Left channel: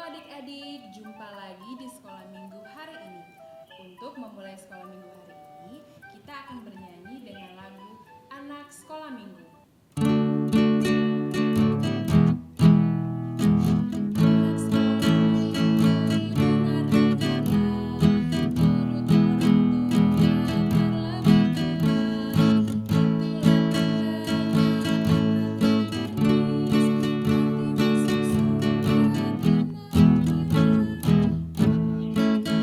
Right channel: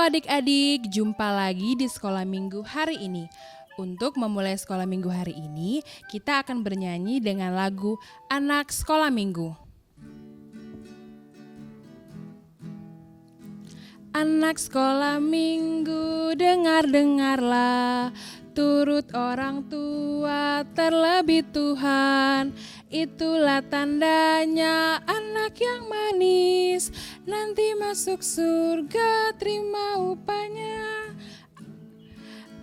adik-adik, jumpa lagi di Sekolah Minggu hari ini. Untuk memulai Sekolah Minggu hari ini, kita akan bernyanyi dengan lagu Anak Sekolah Minggu. Anak sekolah minggu, dengar-dengarlah, turut orang tua, terlebih Tuhan. Itulah tandanya anak yang manis, nanti masuk surga terima upahnya.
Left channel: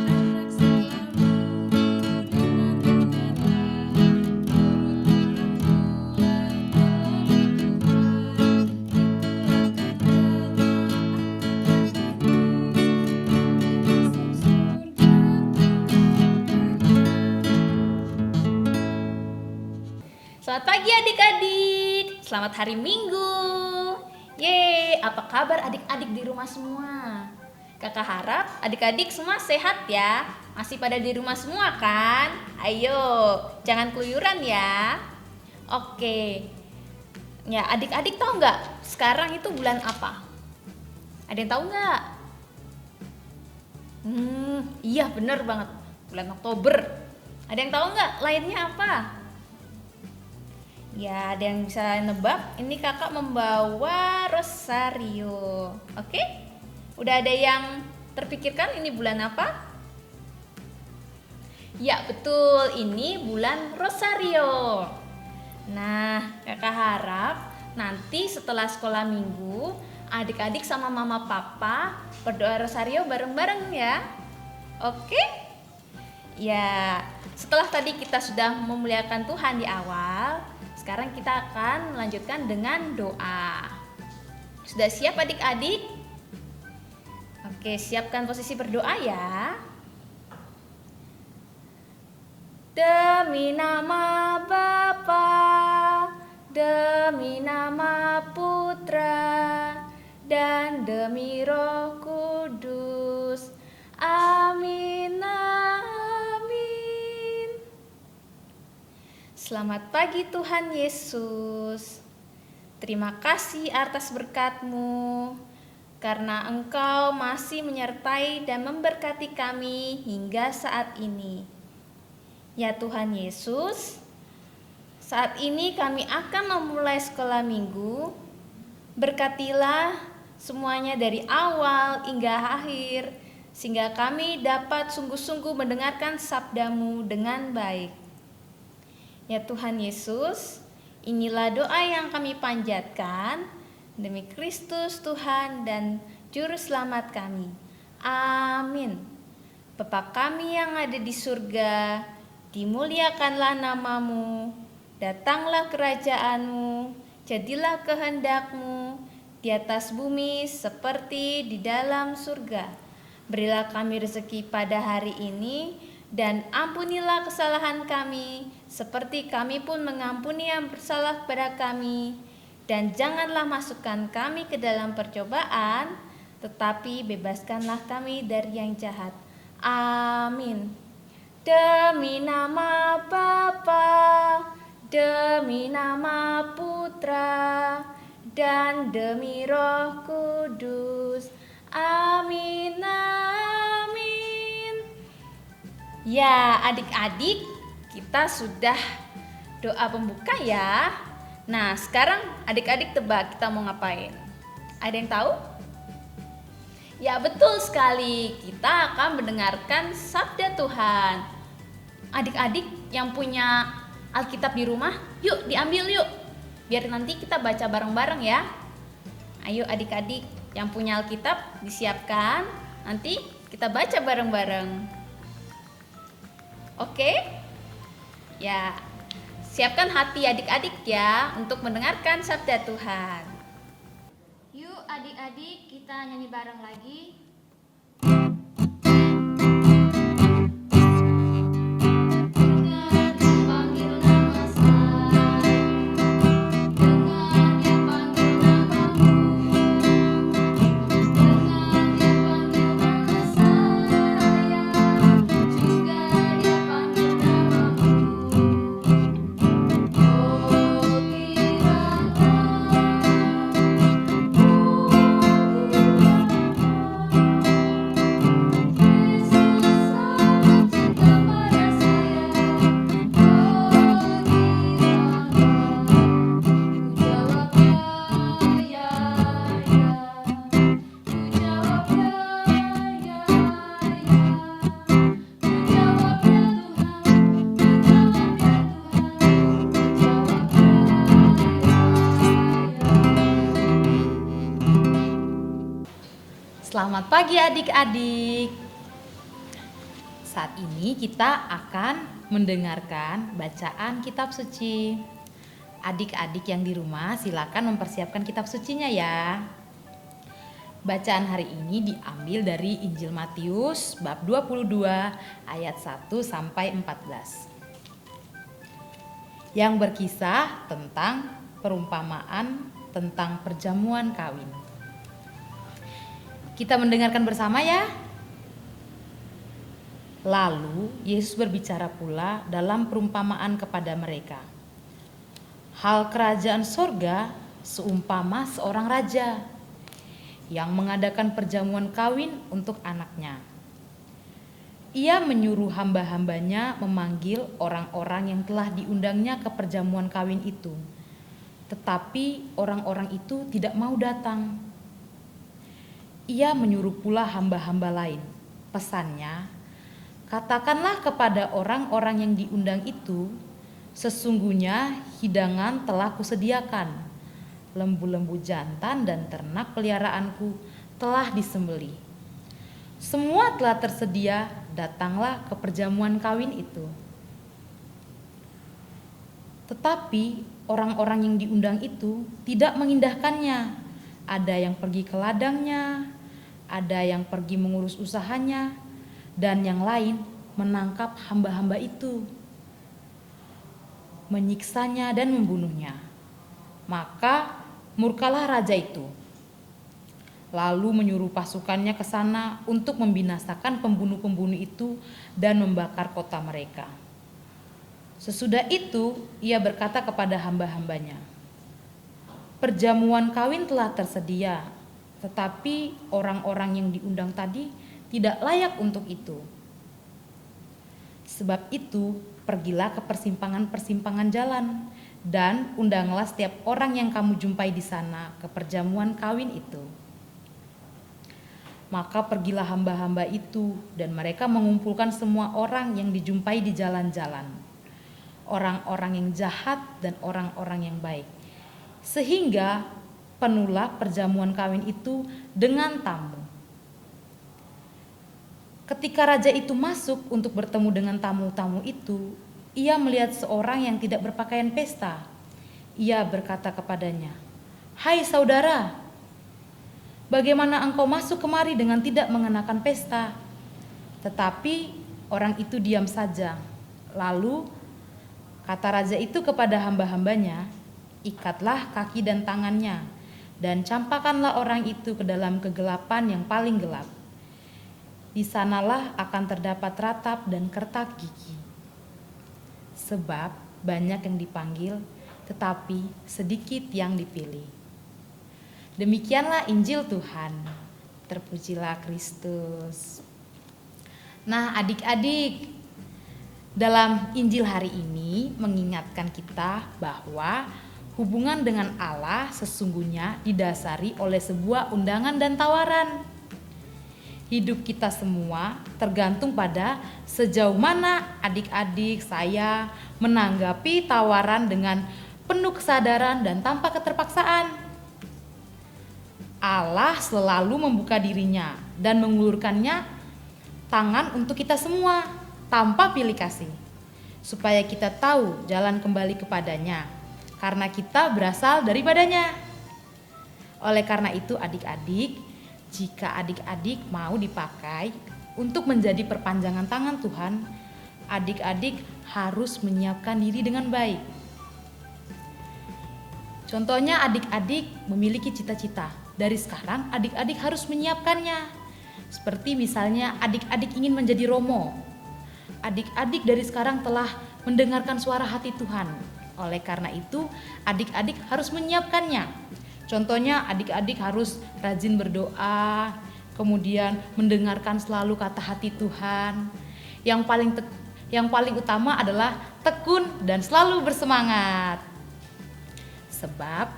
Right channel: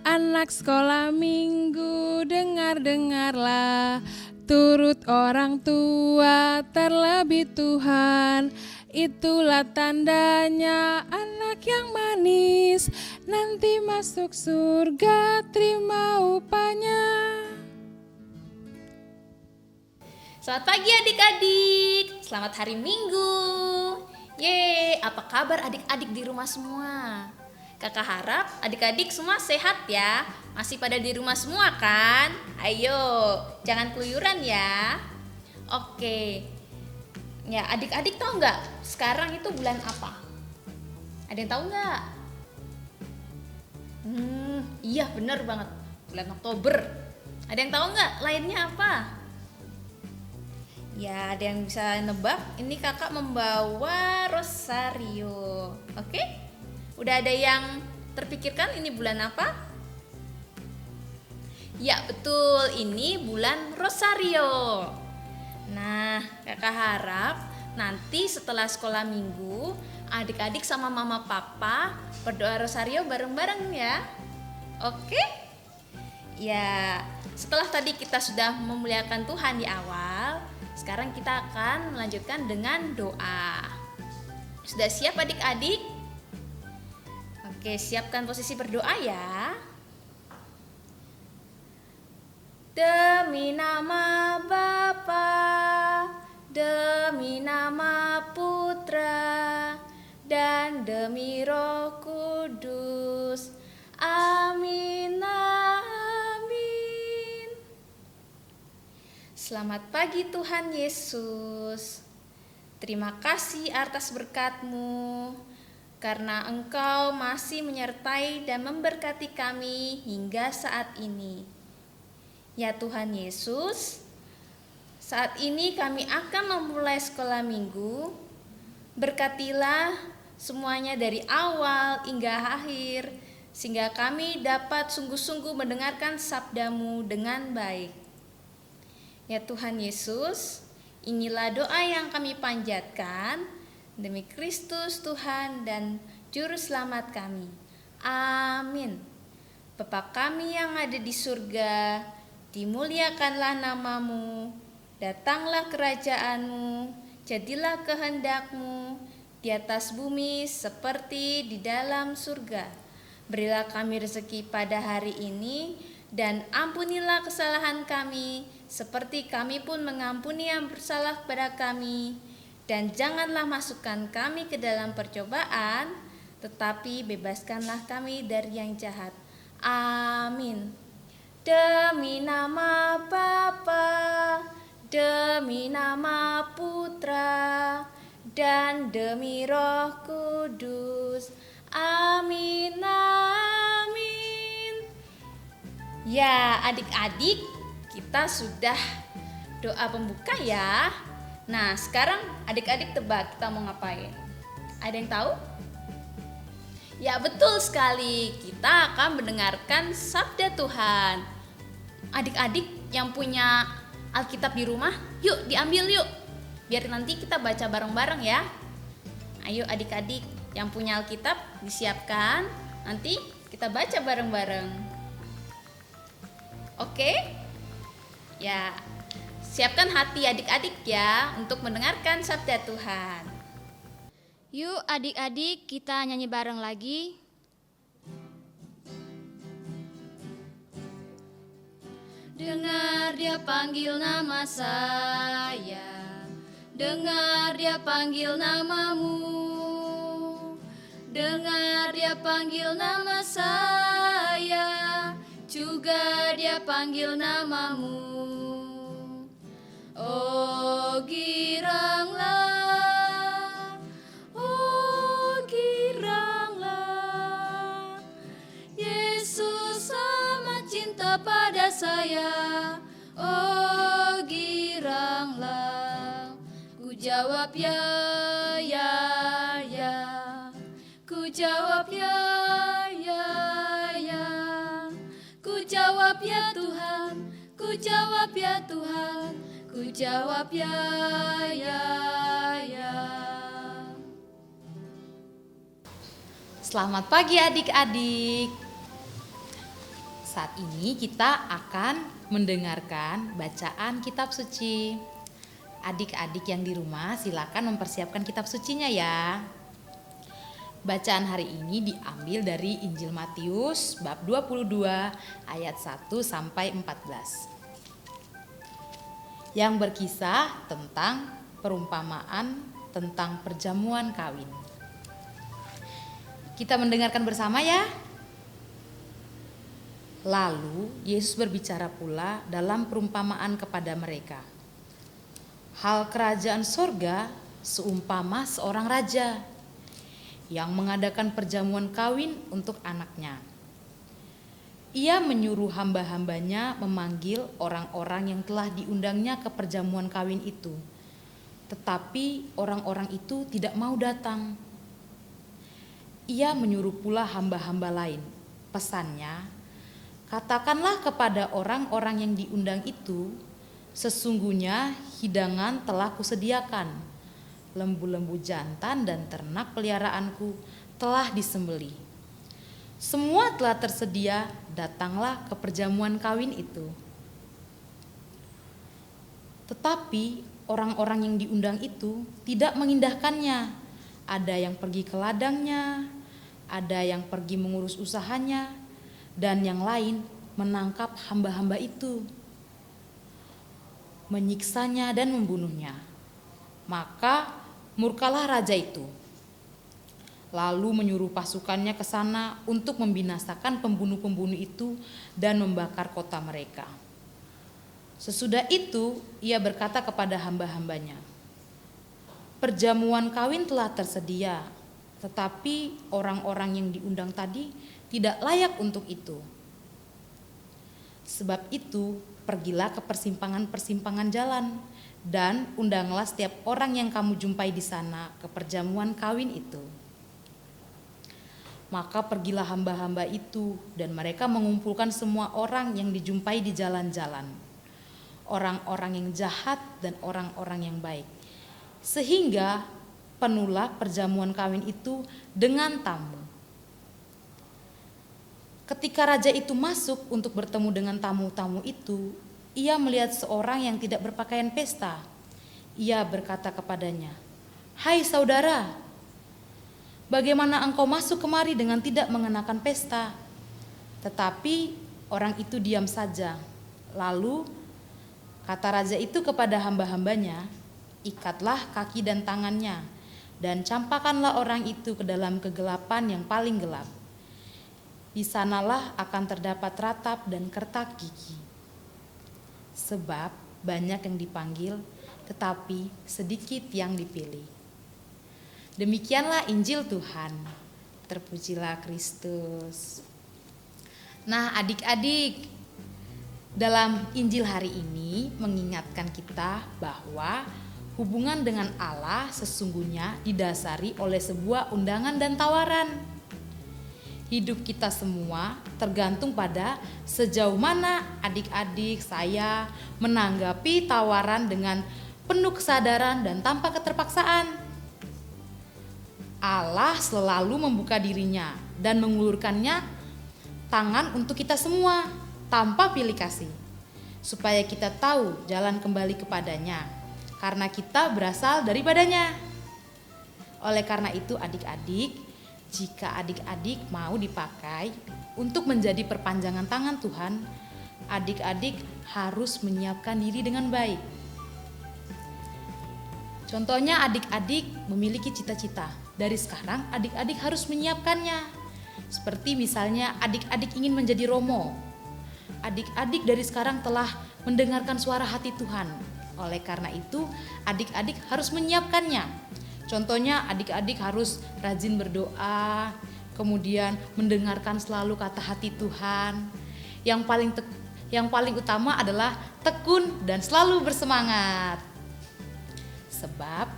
Anak sekolah minggu, dengar-dengarlah, turut orang tua, terlebih Tuhan. Itulah tandanya anak yang manis, nanti masuk surga terima upahnya. Selamat pagi adik-adik, selamat hari Minggu. Yeay, apa kabar adik-adik di rumah semua? Kakak harap adik-adik semua sehat ya. Masih pada di rumah semua kan? Ayo, jangan keluyuran ya. Oke. Ya, adik-adik tahu nggak sekarang itu bulan apa? Ada yang tahu nggak? Iya bener banget, bulan Oktober. Ada yang tahu nggak lainnya apa? Ya, ada yang bisa nebak? Ini kakak membawa rosario. Oke? Udah ada yang terpikirkan ini bulan apa? Ya, betul. Ini bulan rosario. Nah, kakak harap nanti setelah sekolah minggu, adik-adik sama mama papa berdoa rosario bareng-bareng ya. Oke? Ya, setelah tadi kita sudah memuliakan Tuhan di awal, sekarang kita akan melanjutkan dengan doa. Sudah siap adik-adik? Oke, siapkan posisi berdoa ya. Demi nama Bapa, demi nama Putra, dan demi Roh Kudus. Amin, amin. Selamat pagi Tuhan Yesus. Terima kasih atas berkat-Mu, karena Engkau masih menyertai dan memberkati kami hingga saat ini. Ya Tuhan Yesus, saat ini kami akan memulai sekolah minggu. Berkatilah semuanya dari awal hingga akhir, sehingga kami dapat sungguh-sungguh mendengarkan sabda-Mu dengan baik. Ya Tuhan Yesus, inilah doa yang kami panjatkan demi Kristus Tuhan dan Juru Selamat kami. Amin. Bapa kami yang ada di surga, dimuliakanlah nama-Mu, datanglah kerajaan-Mu, jadilah kehendak-Mu di atas bumi seperti di dalam surga. Berilah kami rezeki pada hari ini, dan ampunilah kesalahan kami, seperti kami pun mengampuni yang bersalah kepada kami. Dan janganlah masukkan kami ke dalam percobaan, tetapi bebaskanlah kami dari yang jahat. Amin. Demi nama Bapa, demi nama Putra, dan demi Roh Kudus. Amin, amin. Ya, adik-adik, kita sudah doa pembuka ya. Nah, sekarang adik-adik tebak kita mau ngapain? Ada yang tahu? Ya, betul sekali. Kita akan mendengarkan sabda Tuhan. Adik-adik yang punya Alkitab di rumah, yuk diambil yuk. Biar nanti kita baca bareng-bareng ya. Ayo adik-adik yang punya Alkitab disiapkan. Nanti kita baca bareng-bareng. Oke? Ya, siapkan hati adik-adik ya untuk mendengarkan sabda Tuhan. Yuk adik-adik kita nyanyi bareng lagi. Dengar dia panggil nama saya, dengar dia panggil namamu, dengar dia panggil nama saya, juga dia panggil namamu. Oh giranglah, oh giranglah. Selamat pagi adik-adik. Saat ini kita akan mendengarkan bacaan kitab suci. Adik-adik yang di rumah silakan mempersiapkan kitab sucinya ya. Bacaan hari ini diambil dari Injil Matius bab 22 ayat 1 sampai 14. Yang berkisah tentang perumpamaan tentang perjamuan kawin. Kita mendengarkan bersama ya. Lalu Yesus berbicara pula dalam perumpamaan kepada mereka. Hal kerajaan sorga seumpama seorang raja yang mengadakan perjamuan kawin untuk anaknya. Ia menyuruh hamba-hambanya memanggil orang-orang yang telah diundangnya ke perjamuan kawin itu. Tetapi orang-orang itu tidak mau datang. Ia menyuruh pula hamba-hamba lain. Pesannya, katakanlah kepada orang-orang yang diundang itu, sesungguhnya hidangan telah kusediakan. Lembu-lembu jantan dan ternak peliharaanku telah disembelih. Semua telah tersedia, datanglah ke perjamuan kawin itu. Tetapi orang-orang yang diundang itu tidak mengindahkannya. Ada yang pergi ke ladangnya, ada yang pergi mengurus usahanya, dan yang lain menangkap hamba-hamba itu, menyiksanya dan membunuhnya. Maka murkalah raja itu, lalu menyuruh pasukannya ke sana untuk membinasakan pembunuh-pembunuh itu dan membakar kota mereka. Sesudah itu ia berkata kepada hamba-hambanya, perjamuan kawin telah tersedia, tetapi orang-orang yang diundang tadi tidak layak untuk itu. Sebab itu, pergilah ke persimpangan-persimpangan jalan dan undanglah setiap orang yang kamu jumpai di sana ke perjamuan kawin itu. Maka pergilah hamba-hamba itu dan mereka mengumpulkan semua orang yang dijumpai di jalan-jalan, orang-orang yang jahat dan orang-orang yang baik, sehingga penuhlah perjamuan kawin itu dengan tamu. Ketika raja itu masuk untuk bertemu dengan tamu-tamu itu, ia melihat seorang yang tidak berpakaian pesta. Ia berkata kepadanya, "Hai saudara, bagaimana engkau masuk kemari dengan tidak mengenakan pesta?" Tetapi orang itu diam saja. Lalu kata raja itu kepada hamba-hambanya, "Ikatlah kaki dan tangannya, dan campakkanlah orang itu ke dalam kegelapan yang paling gelap. Di sanalah akan terdapat ratap dan kertak gigi. Sebab banyak yang dipanggil, tetapi sedikit yang dipilih." Demikianlah Injil Tuhan. Terpujilah Kristus. Nah adik-adik, dalam Injil hari ini mengingatkan kita bahwa hubungan dengan Allah sesungguhnya didasari oleh sebuah undangan dan tawaran. Hidup kita semua tergantung pada sejauh mana adik-adik saya menanggapi tawaran dengan penuh kesadaran dan tanpa keterpaksaan. Allah selalu membuka dirinya dan mengulurkannya tangan untuk kita semua tanpa pilih kasih, supaya kita tahu jalan kembali kepadanya, karena kita berasal daripadanya. Oleh karena itu adik-adik, jika adik-adik mau dipakai untuk menjadi perpanjangan tangan Tuhan, adik-adik harus menyiapkan diri dengan baik. Contohnya adik-adik memiliki cita-cita. Dari sekarang adik-adik harus menyiapkannya. Seperti misalnya adik-adik ingin menjadi Romo. Adik-adik dari sekarang telah mendengarkan suara hati Tuhan. Oleh karena itu adik-adik harus menyiapkannya. Contohnya adik-adik harus rajin berdoa, kemudian mendengarkan selalu kata hati Tuhan. Yang paling utama adalah tekun dan selalu bersemangat. Sebab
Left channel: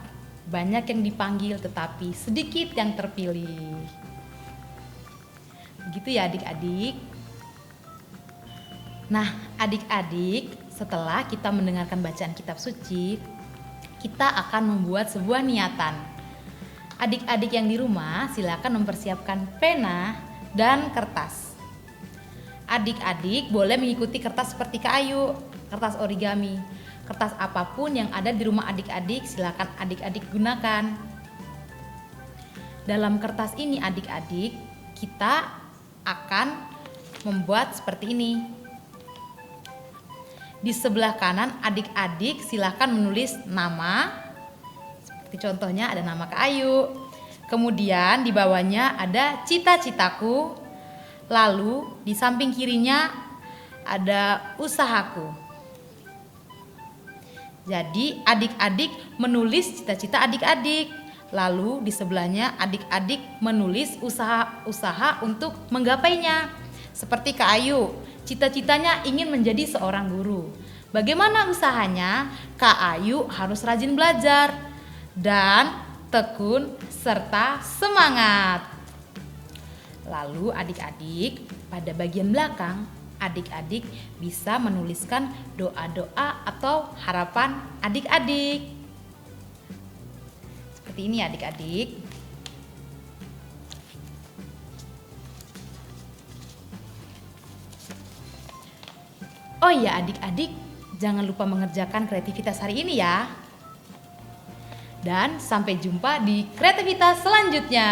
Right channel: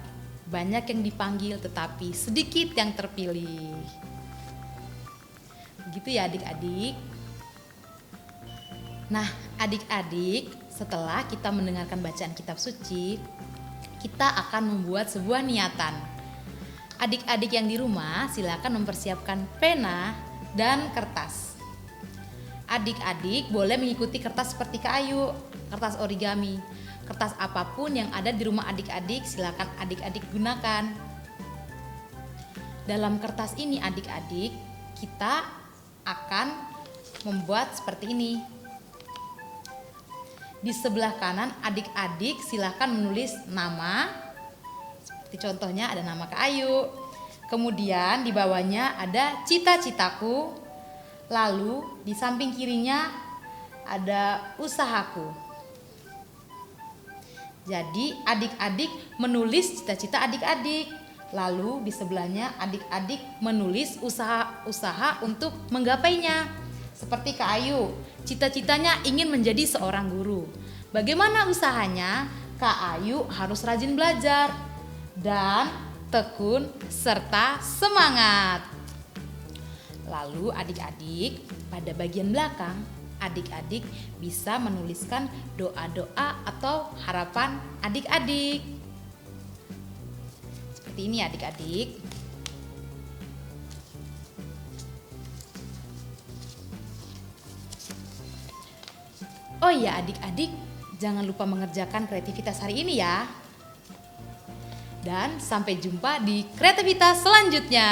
banyak yang dipanggil tetapi sedikit yang terpilih. Begitu ya adik-adik. Nah adik-adik, setelah kita mendengarkan bacaan kitab suci, kita akan membuat sebuah niatan. Adik-adik yang di rumah silakan mempersiapkan pena dan kertas. Adik-adik boleh mengikuti kertas seperti Kak Ayu, kertas origami. Kertas apapun yang ada di rumah adik-adik silakan adik-adik gunakan. Dalam kertas ini adik-adik, kita akan membuat seperti ini. Di sebelah kanan adik-adik silakan menulis nama. Seperti contohnya ada nama Kak Ayu. Kemudian di bawahnya ada cita-citaku. Lalu di samping kirinya ada usahaku. Jadi adik-adik menulis cita-cita adik-adik. Lalu di sebelahnya adik-adik menulis usaha-usaha untuk menggapainya. Seperti Kak Ayu, cita-citanya ingin menjadi seorang guru. Bagaimana usahanya? Kak Ayu harus rajin belajar dan tekun serta semangat. Lalu adik-adik pada bagian belakang, adik-adik bisa menuliskan doa-doa atau harapan adik-adik. Seperti ini adik-adik. Oh ya adik-adik, jangan lupa mengerjakan kreativitas hari ini ya. Dan sampai jumpa di kreativitas selanjutnya.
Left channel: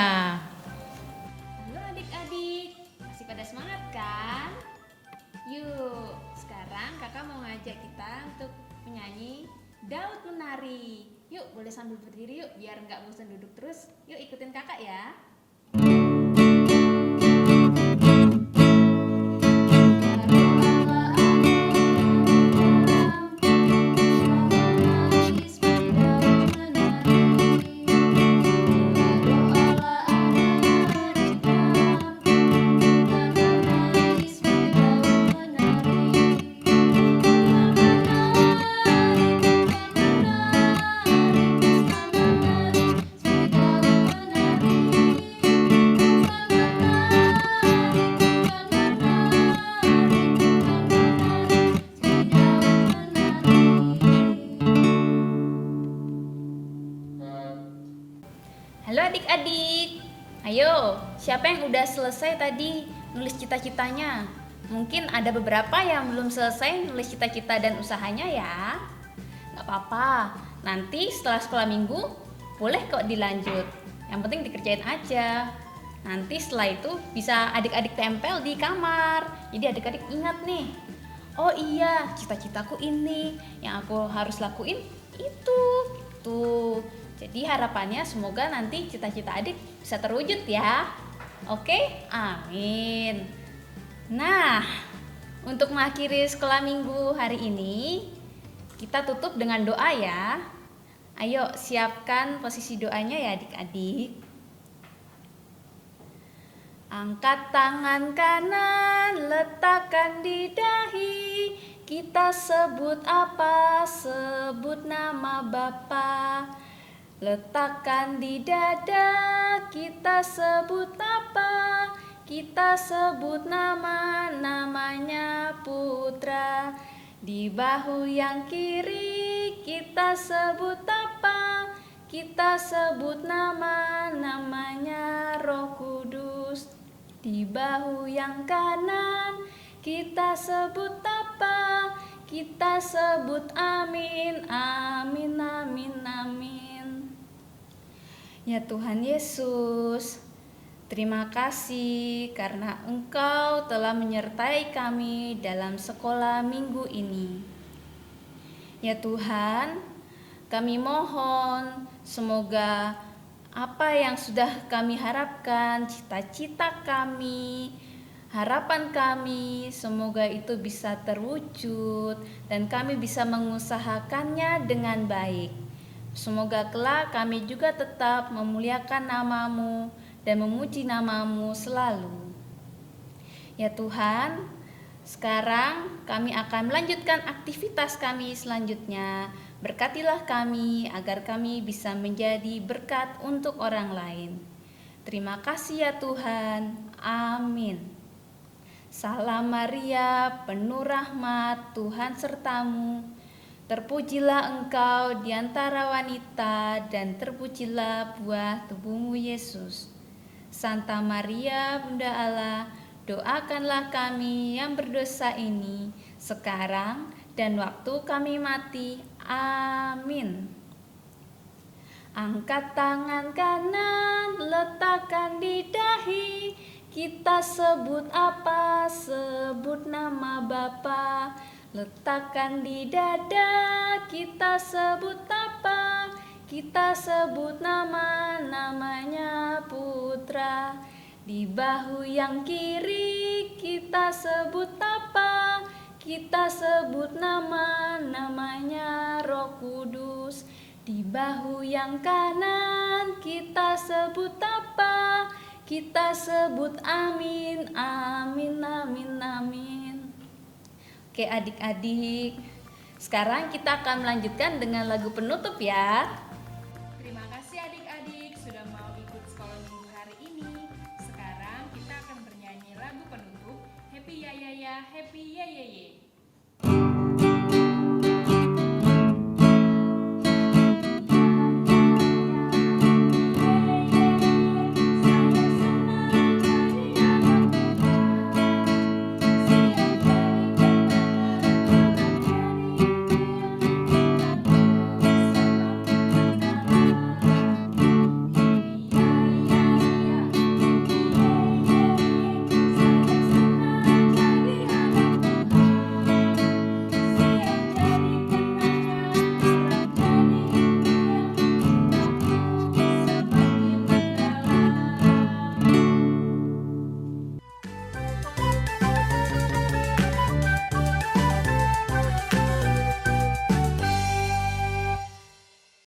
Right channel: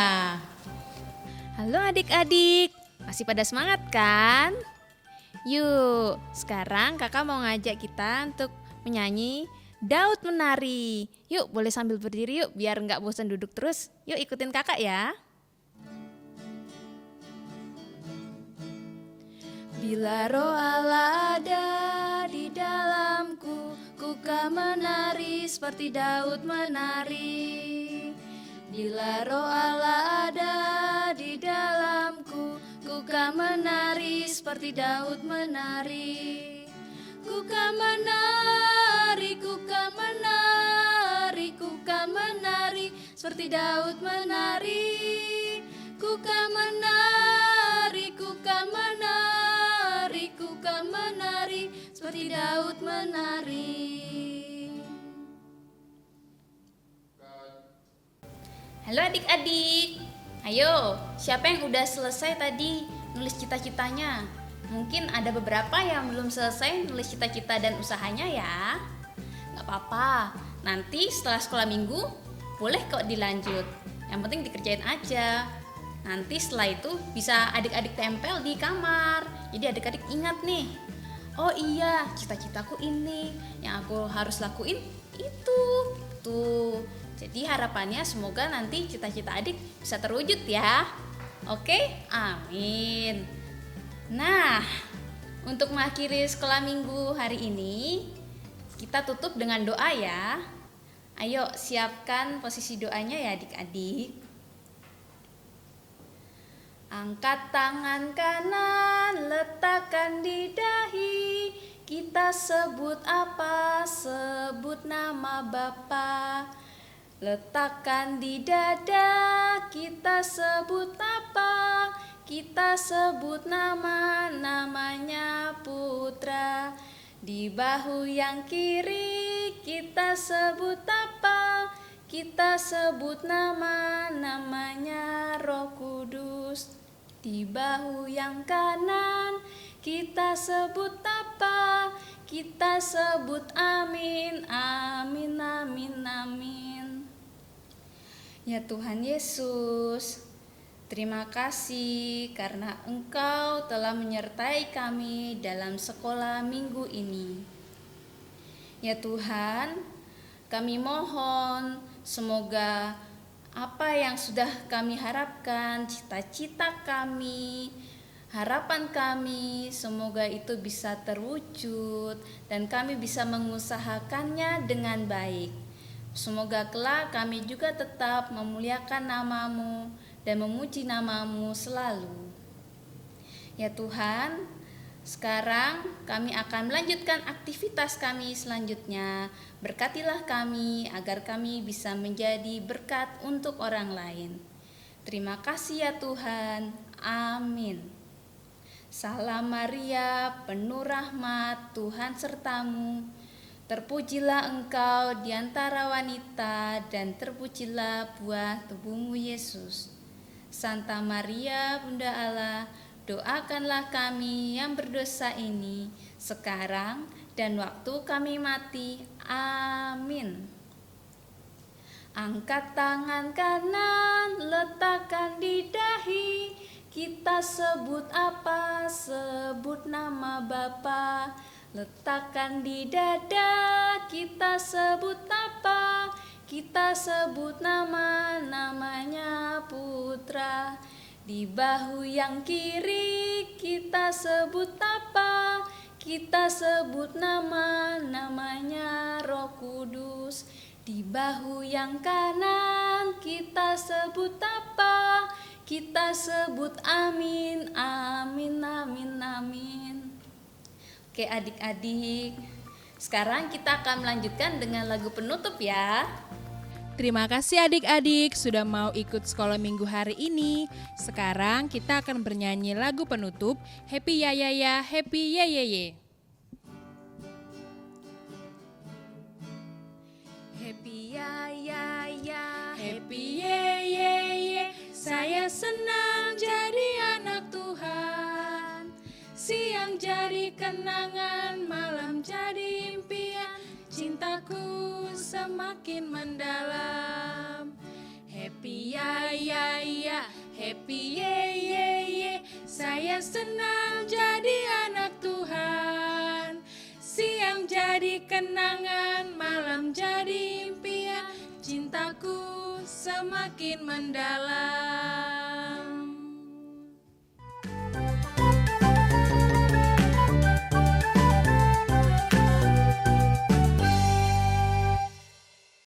Halo adik-adik, masih pada semangat kan? Yuk, sekarang kakak mau ngajak kita untuk menyanyi Daud Menari. Yuk, boleh sambil berdiri yuk, biar nggak bosan duduk terus. Yuk ikutin kakak ya. Halo adik-adik. Ayo, siapa yang udah selesai tadi nulis cita-citanya? Mungkin ada beberapa yang belum selesai nulis cita-cita dan usahanya ya. Gak apa-apa, nanti setelah sekolah minggu boleh kok dilanjut. Yang penting dikerjain aja. Nanti setelah itu bisa adik-adik tempel di kamar. Jadi adik-adik ingat nih, oh iya cita-citaku ini, yang aku harus lakuin itu. Tuh. Jadi harapannya semoga nanti cita-cita adik bisa terwujud ya. Oke, amin. Nah, untuk mengakhiri sekolah minggu hari ini, kita tutup dengan doa ya. Ayo siapkan posisi doanya ya adik-adik. Angkat tangan kanan, letakkan di dahi. Kita sebut apa? Sebut nama Bapa. Letakkan di dada, kita sebut apa? Kita sebut namanya Putra. Di bahu yang kiri, kita sebut apa? Kita sebut namanya Roh Kudus. Di bahu yang kanan, kita sebut apa? Kita sebut amin, amin, amin, amin. Ya Tuhan Yesus, terima kasih karena Engkau telah menyertai kami dalam sekolah minggu ini. Ya Tuhan, kami mohon semoga apa yang sudah kami harapkan, cita-cita kami, harapan kami, semoga itu bisa terwujud dan kami bisa mengusahakannya dengan baik. Semoga kelak kami juga tetap memuliakan nama-Mu dan memuji nama-Mu selalu. Ya Tuhan, sekarang kami akan melanjutkan aktivitas kami selanjutnya. Berkatilah kami agar kami bisa menjadi berkat untuk orang lain. Terima kasih ya Tuhan. Amin. Salam Maria, penuh rahmat, Tuhan sertamu. Terpujilah engkau di antara wanita dan terpujilah buah tubuhmu Yesus. Santa Maria Bunda Allah, doakanlah kami yang berdosa ini sekarang dan waktu kami mati. Amin. Angkat tangan kanan, letakkan di dahi. Kita sebut apa? Sebut nama Bapa. Letakkan di dada. Kita sebut apa? Kita sebut namanya Putra. Di bahu yang kiri kita sebut apa? Kita sebut namanya Roh Kudus. Di bahu yang kanan kita sebut apa? Kita sebut amin, amin, amin, amin. Oke adik-adik, sekarang kita akan melanjutkan dengan lagu penutup ya. Terima kasih adik-adik sudah mau ikut sekolah minggu hari ini. Sekarang kita akan bernyanyi lagu penutup Happy Ya Ya Ya, Happy Ya Ya Ya.